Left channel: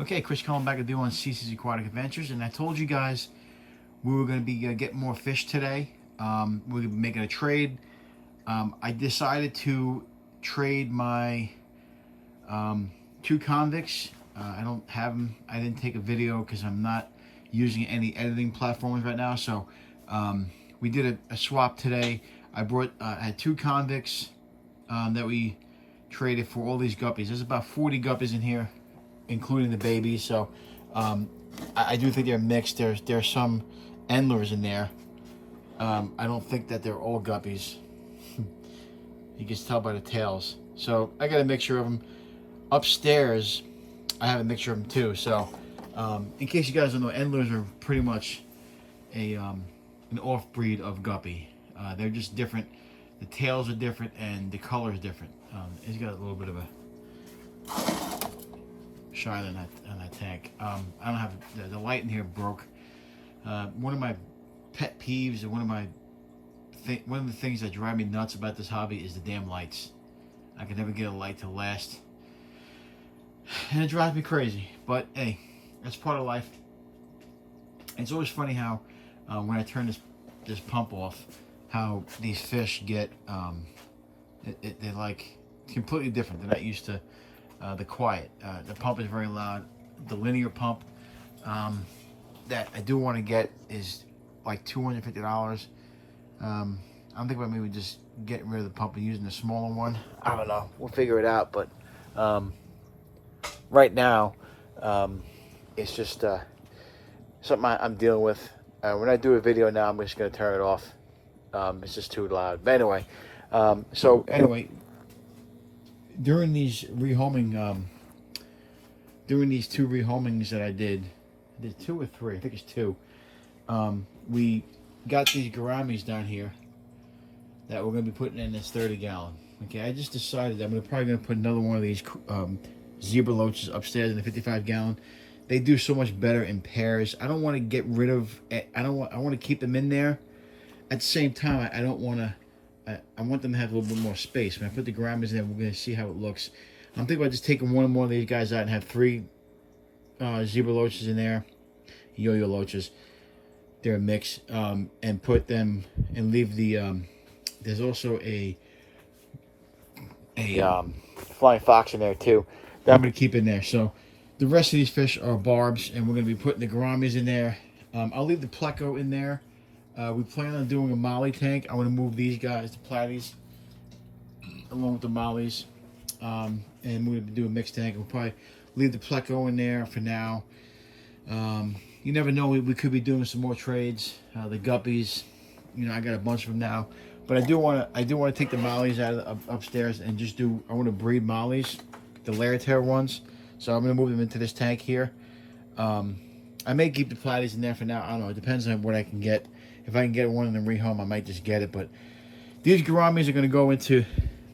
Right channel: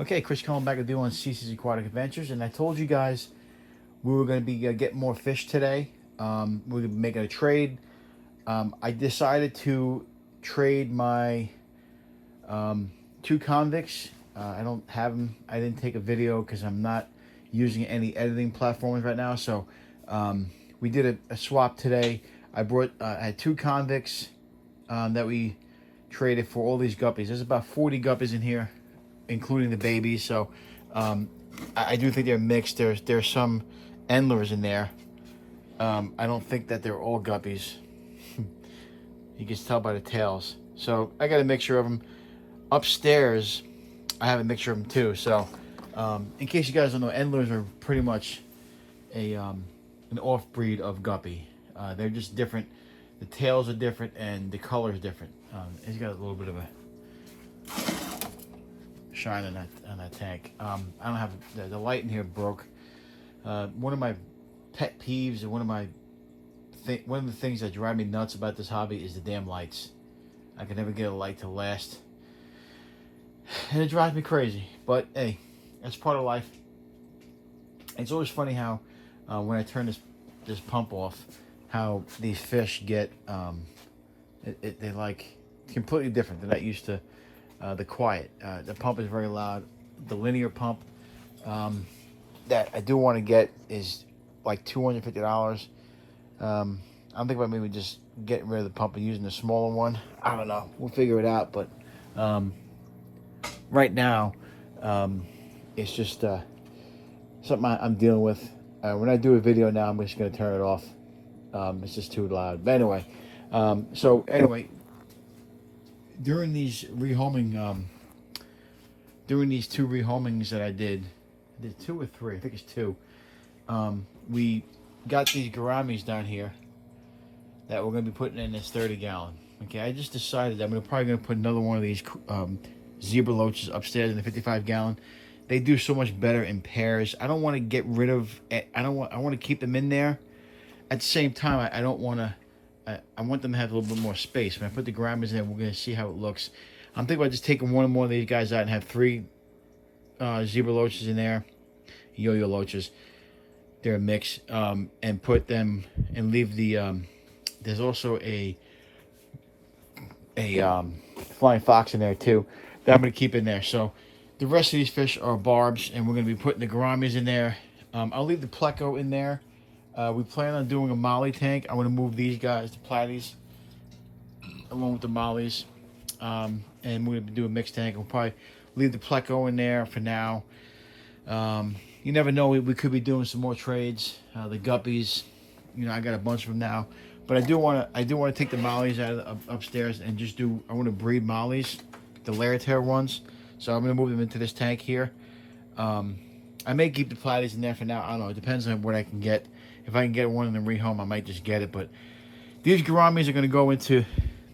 Okay, Chris calling back to do on CC's Aquatic Adventures, and I told you guys we were going to be getting more fish today. We're making a trade. I decided to trade my two convicts. I don't have them. I didn't take a video because I'm not using any editing platforms right now. So we did a swap today. I had two convicts that we traded for all these guppies. There's about 40 guppies in here, including the babies. So I do think they're mixed. There's some endlers in there. I don't think that they're all guppies. You can tell by the tails. So I got a mixture of them. Upstairs, I have a mixture of them too. So in case you guys don't know, endlers are pretty much an off breed of guppy. They're just different. The tails are different and the color is different. It's got a little bit of a shine on that tank. I don't have the light in here broke. One of my pet peeves and one of the things that drive me nuts about this hobby is the damn lights. I can never get a light to last, and it drives me crazy. But hey, that's part of life. And it's always funny how when I turn this pump off, how these fish get they're like completely different. They're not used to the quiet. The pump is very loud. The linear pump that I do want to get is like $250. I'm thinking about maybe just getting rid of the pump and using the smaller one. I don't know. We'll figure it out. But right now, it's just something I'm dealing with. When I do a video now, I'm just going to turn it off. It's just too loud. But anyway, so anyway, during these rehoming, during these two rehomings that I did two or three, I think it's two. We got these gouramis down here that we're going to be putting in this 30-gallon. Okay, I just decided I'm probably going to put another one of these zebra loaches upstairs in the 55-gallon. They do so much better in pairs. I don't want to get rid of. I want to keep them in there. At the same time, I don't want to. I want them to have a little bit more space. When I put the gouramis in, we're going to see how it looks. I'm thinking about just taking one more of these guys out and have three zebra loaches in there, yo-yo loaches. They're a mix, and put them and leave the. There's also a flying fox in there too that I'm going to keep in there. So the rest of these fish are barbs, and we're going to be putting the gouramis in there. I'll leave the pleco in there. We plan on doing a molly tank. I want to move these guys, the platies, along with the mollies, and we're going to do a mixed tank. We'll probably leave the pleco in there for now. You never know, we could be doing some more trades. The guppies, I got a bunch of them now, but I do want to take the mollies out of upstairs and just do. I want to breed mollies, the layer tear ones. So I'm going to move them into this tank here. I may keep the platies in there for now. I don't know. It depends on what I can get. If I can get one in the rehome, I might just get it. But these gouramis are going to go into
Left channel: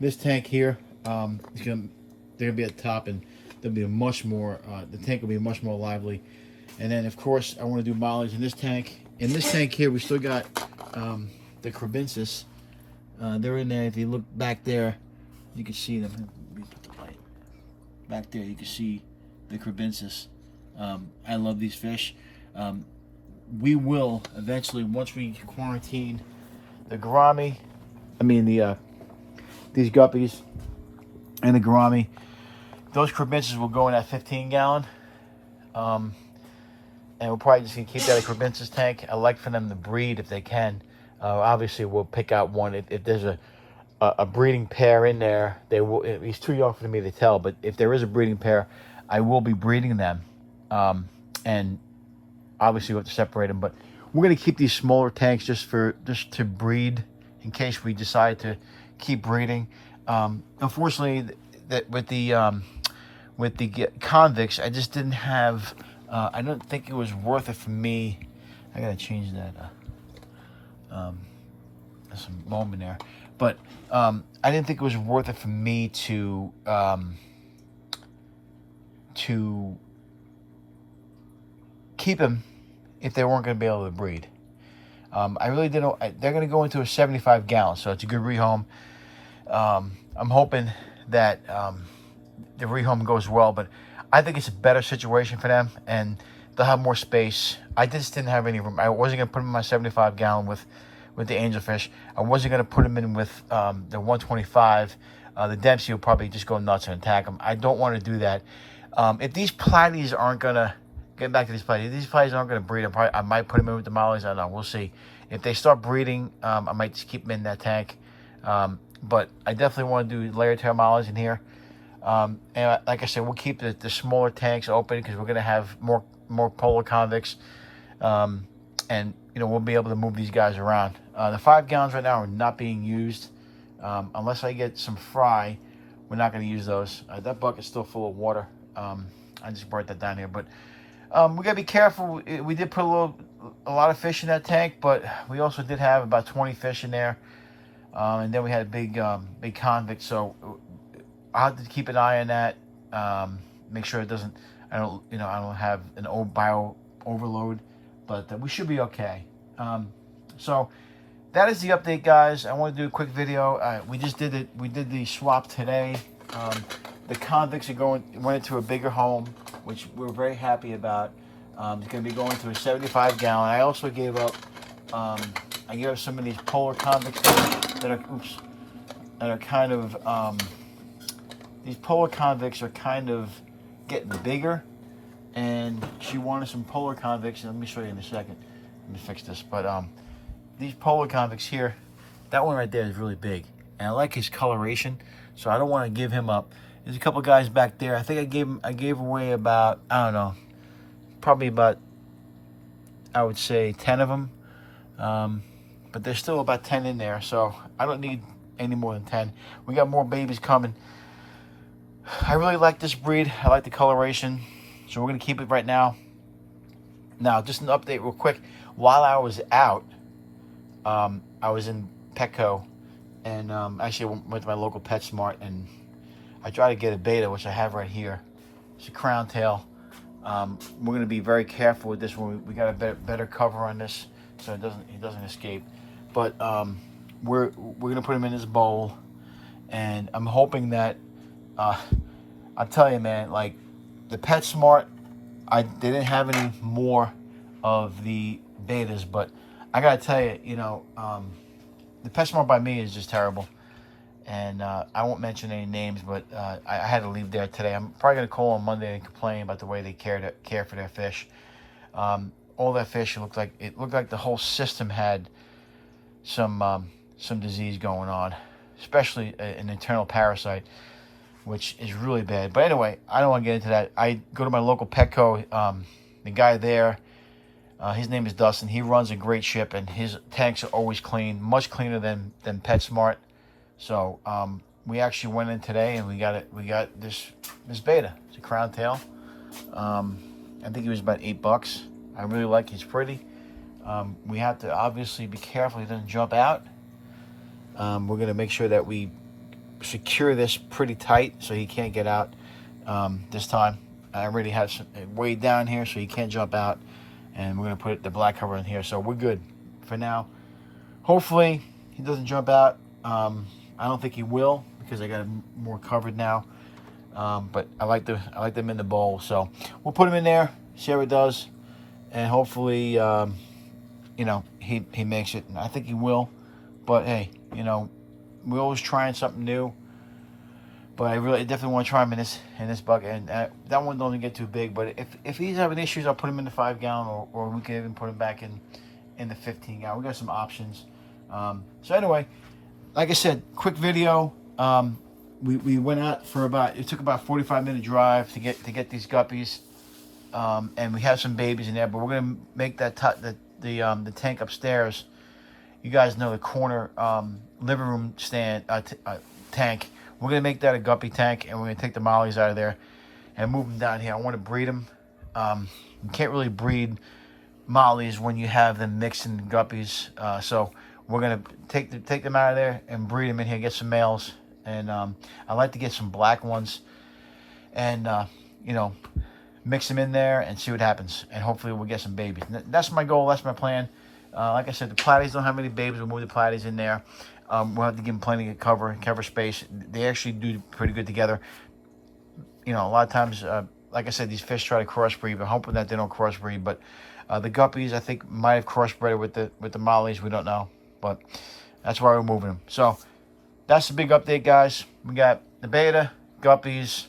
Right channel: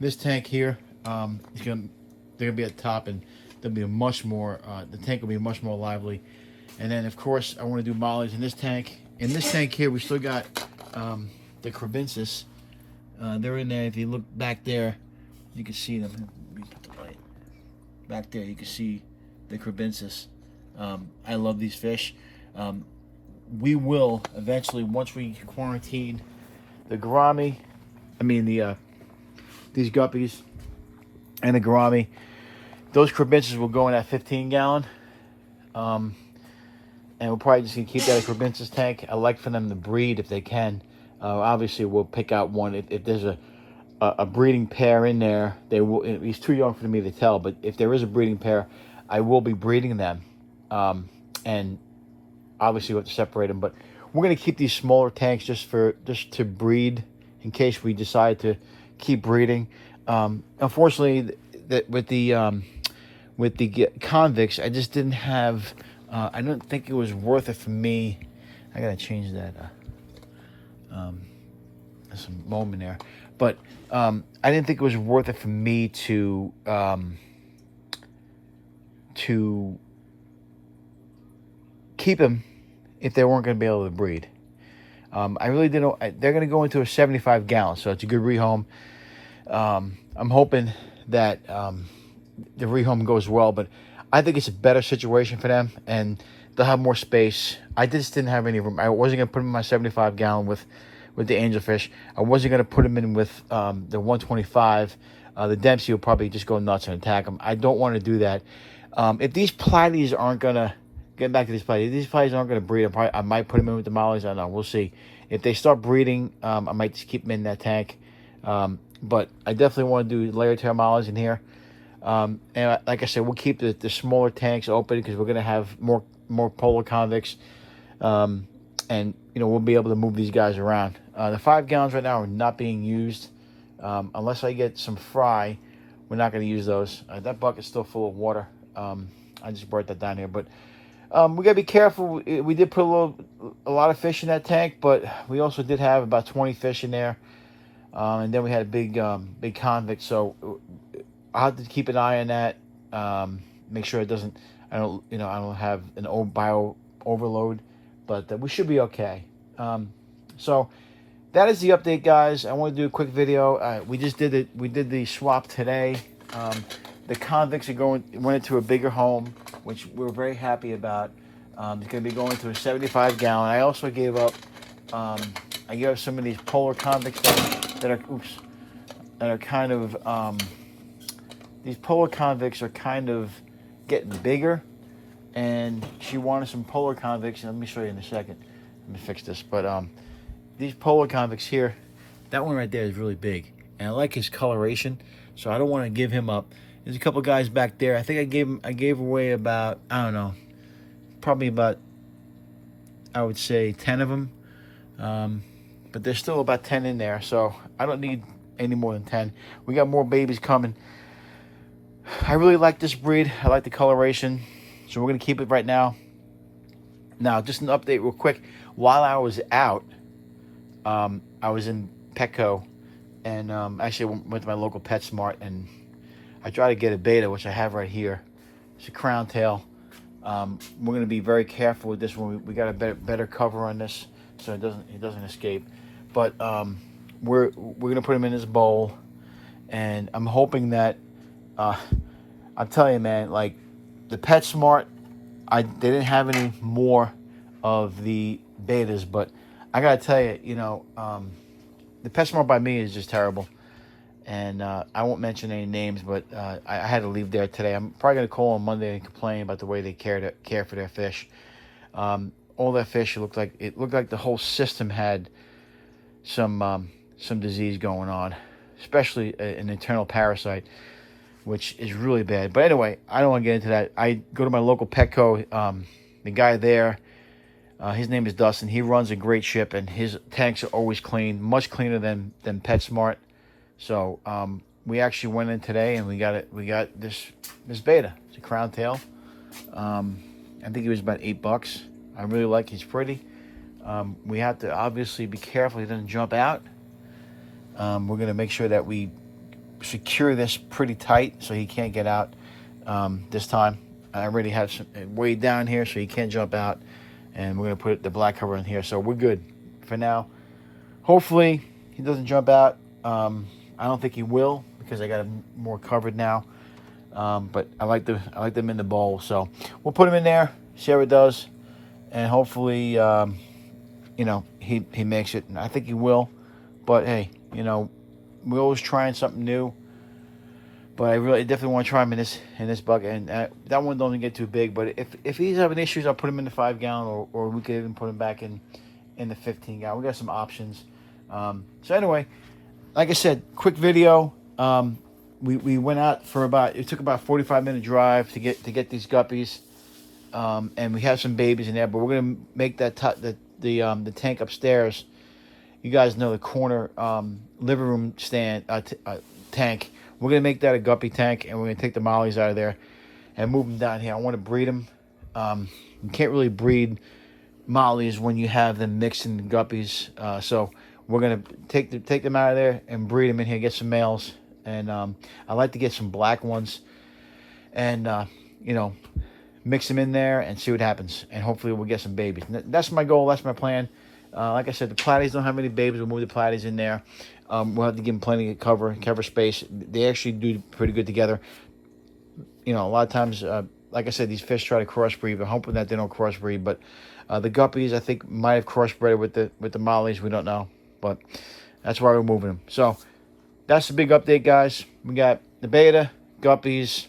this tank here. They're going to be at the top, and they'll be a much more. The tank will be much more lively. And then, of course, I want to do mollies in this tank. In this tank here, we still got the crebensis. They're in there. If you look back there, you can see them. Back there, you can see the crebensis. I love these fish. We will eventually, once we quarantine the gourami, these guppies and the gourami, those crebensis will go in that 15-gallon. And we'll probably just keep that a crebensis tank. I like for them to breed if they can. Obviously, we'll pick out one. If there's a breeding pair in there, he's too young for me to tell, but if there is a breeding pair, I will be breeding them. And obviously we'll have to separate them, but we're going to keep these smaller tanks just to breed in case we decide to keep breeding. Unfortunately, with the convicts, I just didn't have. I don't think it was worth it for me. I gotta change that. There's some mold in there, but I didn't think it was worth it for me to keep them if they weren't going to be able to breed. I really didn't. They're going to go into a 75-gallon, so it's a good rehome. I'm hoping that the rehome goes well, but I think it's a better situation for them, and they'll have more space. I just didn't have any room. I wasn't gonna put them in my 75 gallon with the angelfish. I wasn't gonna put them in with the 125. The Dempsey will probably just go nuts and attack them. I don't want to do that. If these platies aren't gonna get back to these platies, if these platies aren't gonna breed, I might put them in with the mollies. I don't know. We'll see. If they start breeding, I might just keep them in that tank. But I definitely want to do layer tail mollies in here. And like I said, we'll keep the smaller tanks open because we're gonna have more polar convicts. And we'll be able to move these guys around. The 5 gallons right now are not being used. Unless I get some fry, we're not going to use those. That bucket's still full of water. I just brought that down here, but we got to be careful. We did put a lot of fish in that tank, but we also did have about 20 fish in there, and then we had a big convict. So I'll have to keep an eye on that. Make sure it doesn't. I don't have an old bio overload, but we should be okay. So that is the update, guys. I want to do a quick video. We just did it. We did the swap today. The convicts went into a bigger home, which we're very happy about. It's going to be going to a 75 gallon. I also gave up. I gave up some of these polar convicts that are kind of. These polar convicts are kind of getting bigger, and she wanted some polar convicts. And let me show you in a second. Let me fix this, but these polar convicts here, that one right there is really big, and I like his coloration, so I don't want to give him up. There's a couple guys back there. I think I gave away about, I don't know, probably about, I would say 10 of them, but there's still about 10 in there, so I don't need any more than 10. We got more babies coming. I really like this breed. I like the coloration, so we're gonna keep it right now. Now, just an update real quick. While I was out, I was in Petco, and actually went to my local PetSmart, and I tried to get a beta, which I have right here. It's a crown tail. We're going to be very careful with this one. We got a better cover on this, so he doesn't escape. But we're going to put him in this bowl, and I'm hoping that I'm telling you, man, like the PetSmart, they didn't have any more of the betas, but I gotta tell you, the PetSmart by me is just terrible, and I won't mention any names, but I had to leave there today. I'm probably gonna call on Monday and complain about the way they care for their fish. All their fish looked like the whole system had some disease going on, especially an internal parasite, which is really bad. But anyway, I don't want to get into that. I go to my local Petco. The guy there, his name is Dustin. He runs a great ship, and his tanks are always clean, much cleaner than PetSmart. So we actually went in today, and we got this beta. It's a crown tail. I think it was about $8. I really like. He's pretty. We have to obviously be careful he doesn't jump out. We're gonna make sure that we secure this pretty tight so he can't get out this time. I already have some way down here so he can't jump out, and we're gonna put the black cover in here, so we're good for now. Hopefully he doesn't jump out. I don't think he will because I got him more covered now, but I like them in the bowl, so we'll put him in there, see how it does, and hopefully he makes it. And I think he will, but hey, we're always trying something new, but I definitely want to try him in this bucket. And that one doesn't get too big. But if he's having issues, I'll put him in the 5 gallon, or we could even put him back in the 15 gallon. We got some options. So anyway, like I said, quick video. We went out for it took about 45-minute drive to get these guppies, and we have some babies in there. But we're gonna make the tank upstairs. You guys know the corner living room tank. We're gonna make that a guppy tank, and we're gonna take the mollies out of there and move them down here. I want to breed them. You can't really breed mollies when you have them mixed in the guppies. So we're gonna take them out of there and breed them in here. Get some males, and I like to get some black ones, and mix them in there and see what happens. And hopefully we'll get some babies. That's my goal. That's my plan. Like I said, the platies don't have any babies. We'll move the platies in there. We'll have to give them plenty of cover space. They actually do pretty good together. A lot of times, like I said, these fish try to crossbreed, but hoping that they don't crossbreed. But the guppies, I think, might have crossbred with the mollies. We don't know, but that's why we're moving them. So that's the big update, guys. We got the beta, guppies,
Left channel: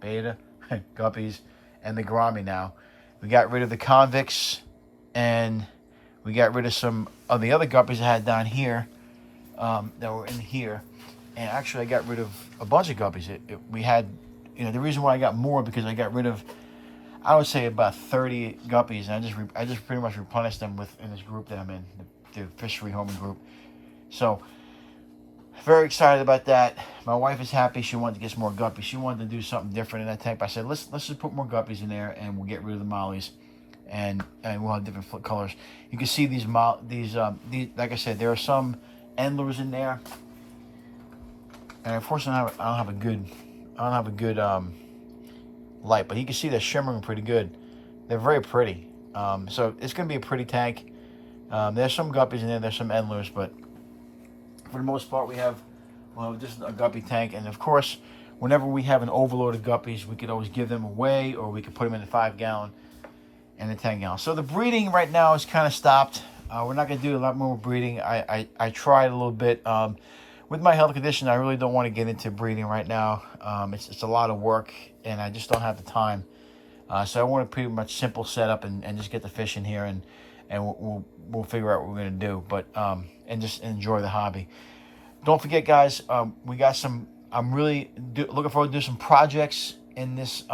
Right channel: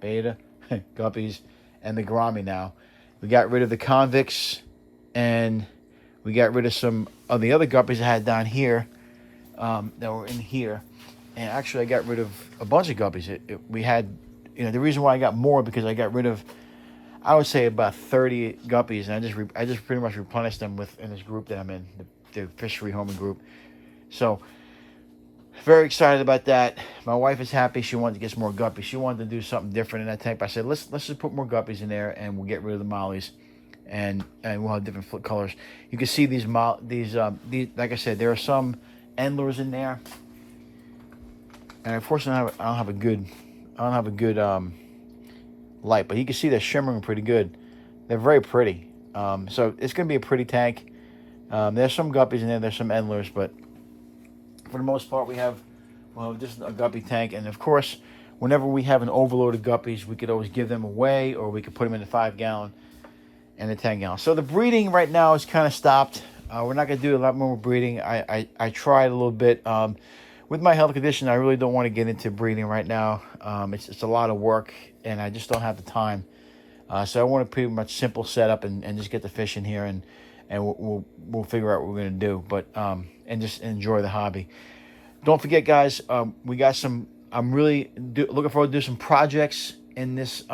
guppies, and the gourami now. We got rid of the convicts, and we got rid of some of the other guppies I had down here that were in here. And actually, I got rid of a bunch of guppies. We had, the reason why I got more because I got rid of, I would say about 30 guppies, and I just pretty much replenished them in this group that I'm in, the fish rehoming group. So very excited about that. My wife is happy. She wanted to get some more guppies. She wanted to do something different in that tank. But I said, let's just put more guppies in there, and we'll get rid of the mollies, and we'll have different colors. You can see these like I said, there are some endlers in there, and unfortunately I don't have a good light, but you can see they're shimmering pretty good. They're very pretty. So it's gonna be a pretty tank. There's some guppies in there. There's some endlers, but for the most part, we have just a guppy tank. And of course, whenever we have an overload of guppies, we could always give them away, or we could put them in a 5-gallon and a 10-gallon. So the breeding right now is kind of stopped. We're not going to do a lot more breeding. I tried a little bit. With my health condition, I really don't want to get into breeding right now. It's a lot of work, and I just don't have the time. So I want to pretty much simple setup and just get the fish in here, and we'll figure out what we're going to do. But and just enjoy the hobby. Don't forget, guys, we got some. I'm really looking forward to do some projects in this.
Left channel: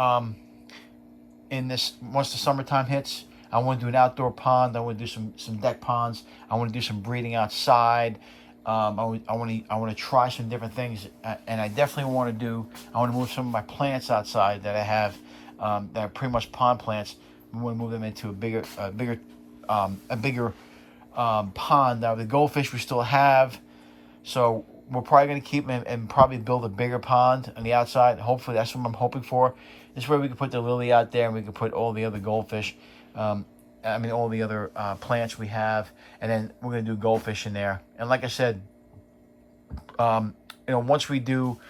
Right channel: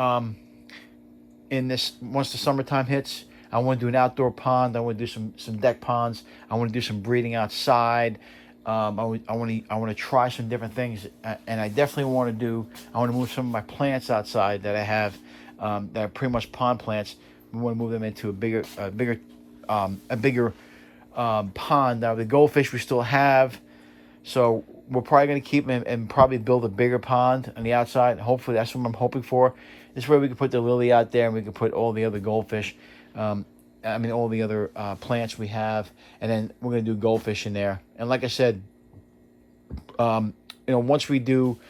Once the summertime hits, I want to do an outdoor pond. I want to do some deck ponds. I want to do some breeding outside. I want to try some different things, and I definitely want to move some of my plants outside that I have that are pretty much pond plants. We want to move them into a bigger pond. Now the goldfish we still have, so we're probably going to keep them and probably build a bigger pond on the outside. Hopefully that's what I'm hoping for. This way we can put the lily out there, and we can put all the other goldfish, all the other plants we have, and then we're going to do goldfish in there. And like I said, once we get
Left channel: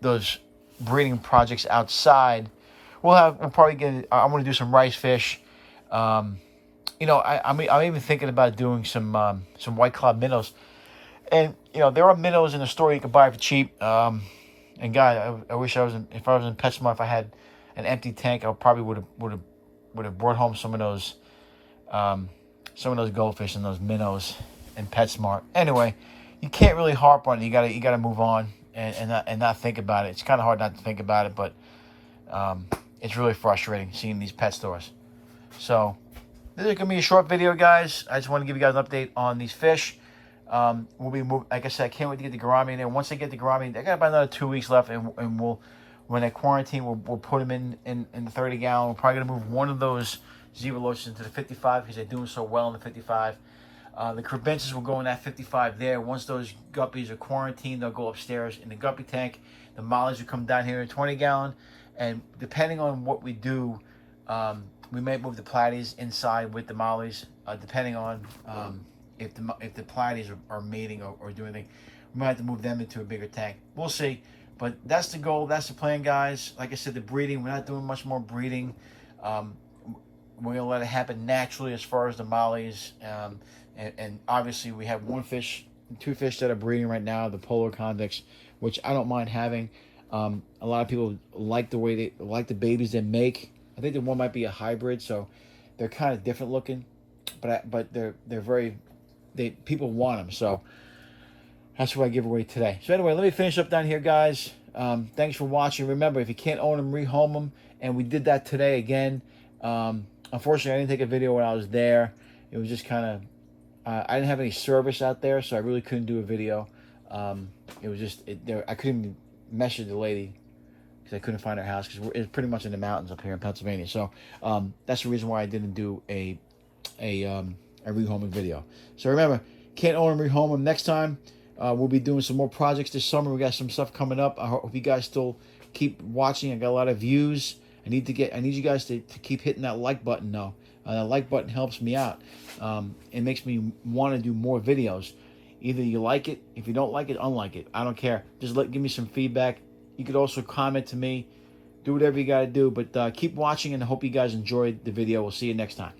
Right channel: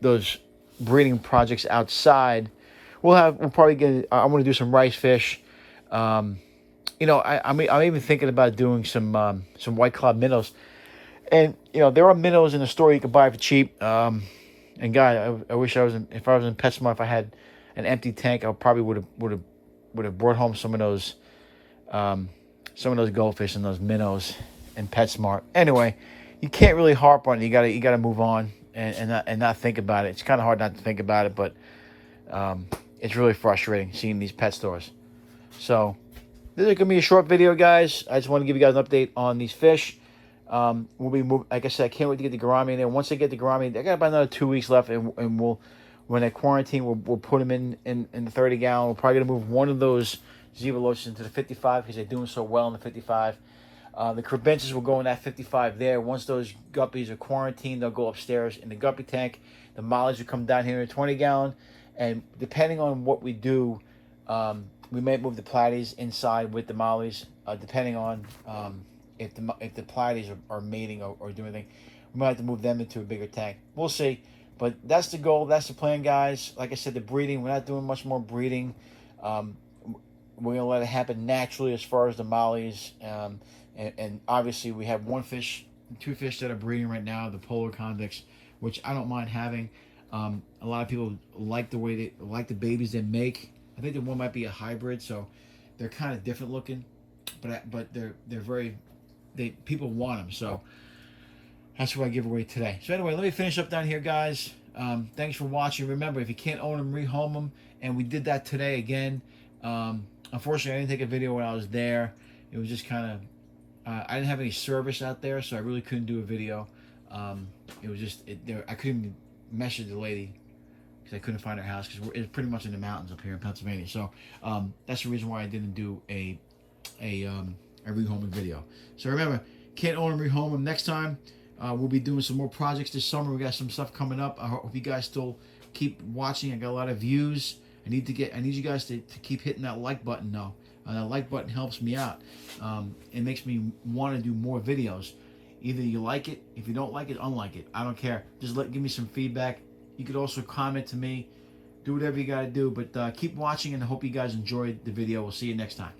those breeding projects outside, we'll probably get. I want to do some rice fish. I'm even thinking about doing some white cloud minnows. And there are minnows in the store you can buy for cheap. And guy, I wish if I was in PetSmart, if I had an empty tank, I probably would have brought home some of those goldfish and those minnows in PetSmart. Anyway, you can't really harp on it. You gotta move on and not think about it. It's kind of hard not to think about it, but it's really frustrating seeing these pet stores. So this is gonna be a short video, guys. I just want to give you guys an update on these fish. We'll be like I said, I can't wait to get the gourami in there. Once I get the gourami, I got about another 2 weeks left, and when I quarantine, we'll put them in the 30-gallon. We're probably gonna move one of those zebra loaches into the 55 because they're doing so well in the 55. The crebenches will go in that 55 there. Once those guppies are quarantined, they'll go upstairs in the guppy tank. The mollies will come down here in 20-gallon, and depending on what we do, we may move the platies inside with the mollies, depending on if the platies are mating or doing anything. We might have to move them into a bigger tank. We'll see. But that's the goal. That's the plan, guys. Like I said, the breeding, we're not doing much more breeding. We're going to let it happen naturally as far as the mollies. And obviously, we have two fish that are breeding right now, the polar convicts, which I don't mind having. A lot of people like the babies they make. I think the one might be a hybrid, so they're kind of different looking, but people want them, so that's what I give away today. So anyway, let me finish up down here, guys. Thanks for watching. Remember, if you can't own them, rehome them, and we did that today again. Unfortunately, I didn't take a video when I was there. It was just kind of I didn't have any service out there, so I really couldn't do a video. It was just I couldn't even message the lady because I couldn't find her house because it's pretty much in the mountains up here in Pennsylvania. So that's the reason why I didn't do a rehoming video. So remember, can't own them, rehome them. Next time, we'll be doing some more projects this summer. We got some stuff coming up. I hope you guys still keep watching. I got a lot of views. I need you guys to keep hitting that like button though. That like button helps me out. It makes me want to do more videos. Either you like it, if you don't like it, unlike it. I don't care. Just give me some feedback. You could also comment to me. Do whatever you got to do. But keep watching, and I hope you guys enjoyed the video. We'll see you next time.